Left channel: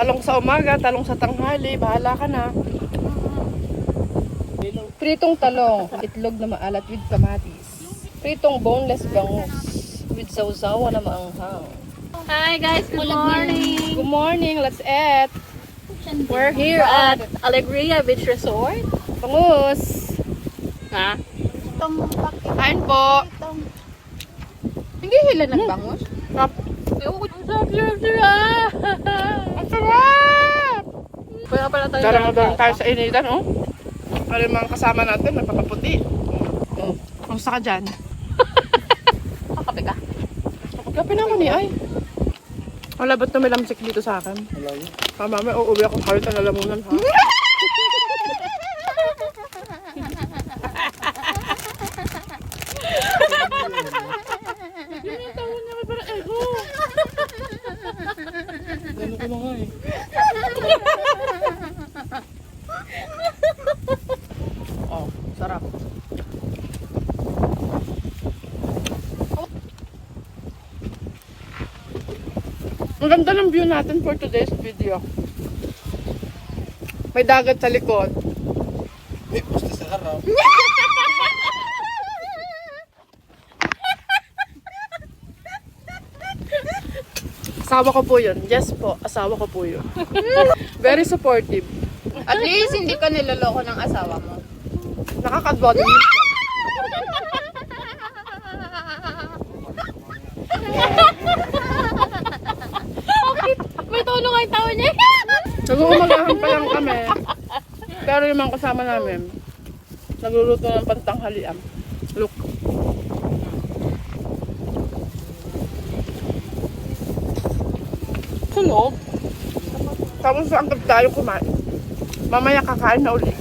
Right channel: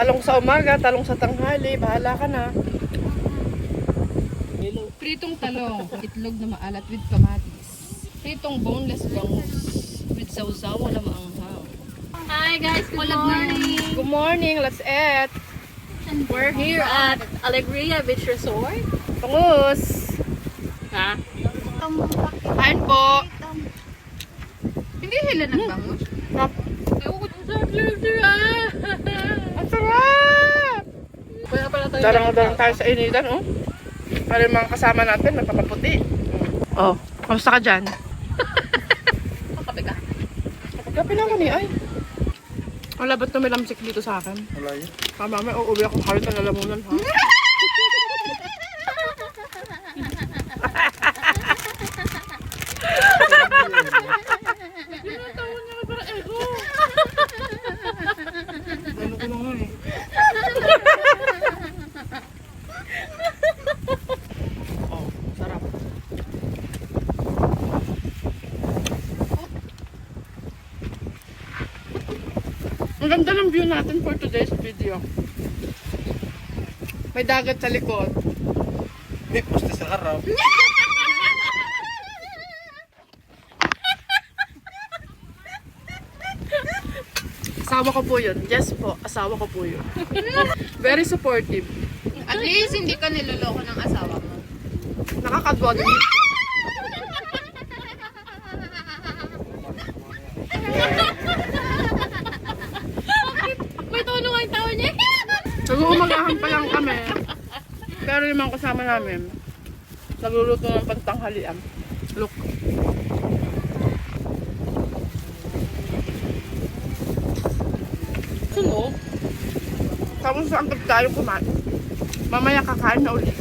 Talong sa umaga, talong sa tanghali, bahala ka na. Pritong talong, itlog na maalat with kamatis. Pritong boneless bangus with sausawa na maanghang. Hi guys, good morning. Good morning, let's eat. We're here at Alegria Beach Resort. Bangus! Ha? Kain po! Hindi hila ng bangus. Sarap! Ang sarap. Ang sarap! Kaya pala tayo. Darang-darang tayo sa initan, oh. Para yung mga kasama natin, nagpapaputi. Oh, kamusta ka dyan? Kakape ka? Kapagkape na ako ni Ay. Wala ba't tumilamsik dito sa akin? Wala yun. Tama, may uuwi akong heart na lalamunan, ha? Gano'n ko na nga eh. Oh, sarap. Ang ganda ng view natin for today's video. May dagat sa likod. Eh, basta sa harap. Asawa ko po yun. Yes po, asawa ko po yun. Very supportive. At least hindi ka niloloko ng asawa mo. Nakakagod minsan. May tulong ang tawa niya. Nag-uumagahan pa lang kami. Pero yung mga kasama namin, nagluluto ng pantanghalian. Look. Sunog. Tapos ang tayo kumain. Mamaya kakain na ulit.